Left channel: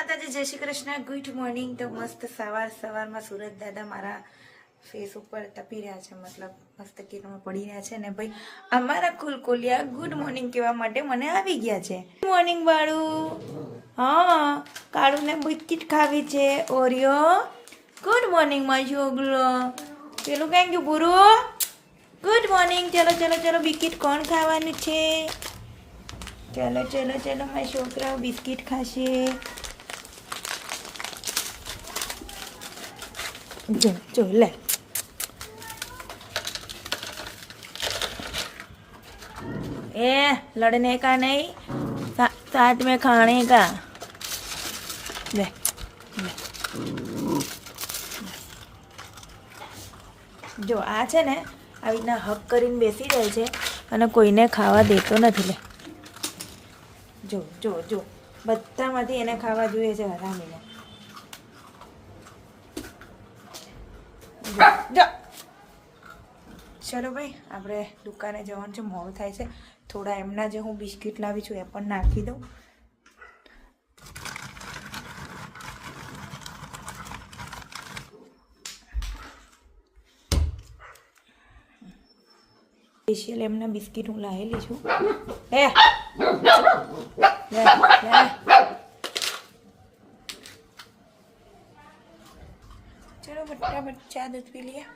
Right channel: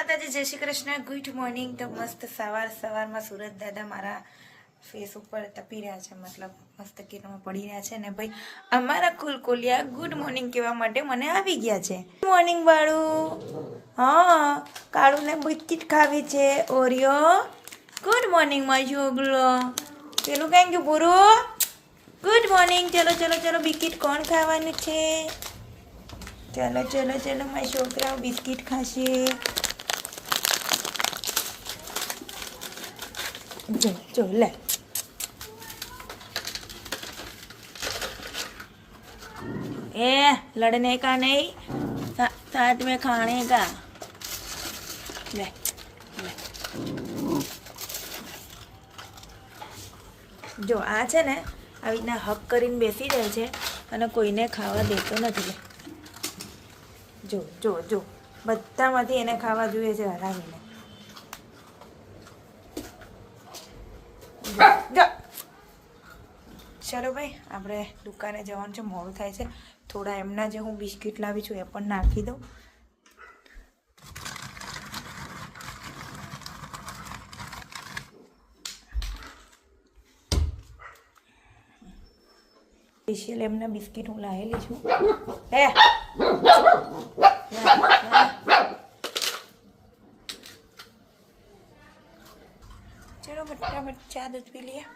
માતાજી જય Shri Krishna. Good morning. તો મસ્ત સવારમાં સુરત દાદા મારા ફેસ ઉપર તપી રહ્યા છે, મતલબ મસ્ત કિરણમાં પડી રહ્યા છે ને ભાઈ અમારા કુલકોલિયા ગુડ મોર્નિંગ કહેવા માટે મને આવી ગયા છે. Good morning Balu. હા, કાળુને બિસ્કિટ ખાવી છે ઓરિયો. ગુડ મોર્નિંગ માય છોકરો. પેલું કઈ ગયું પૂરું. Good morning. ચલો બિસ્કિટ કોણ ખાવાનું છે? ચલો મારા છોકરાઓ બિસ્કિટ ખાશે. જો લે. ए लड़ने का नहीं, साथ में खाने का. ले જો આ છે ને આવી રીતના હક કરીને બેસી જાય છે અને કોઈને ખાવા દેતો નથી. લે જો બધામાંથી એને ખાવા જોઈએ છે હરામીને. ચલો ભાઈ, આપણે દુકાને જવાનું છે, મોડું થાય છે. થોડા એમના જે હું બિસ્કિટ લાવી છું એ પણ નાખી દઉં. સ્પેશિયલ એમના બિસ્કિટ હું લાવેલી છું. ચલો ફટાફટ ચા દૂધ પી લિયા.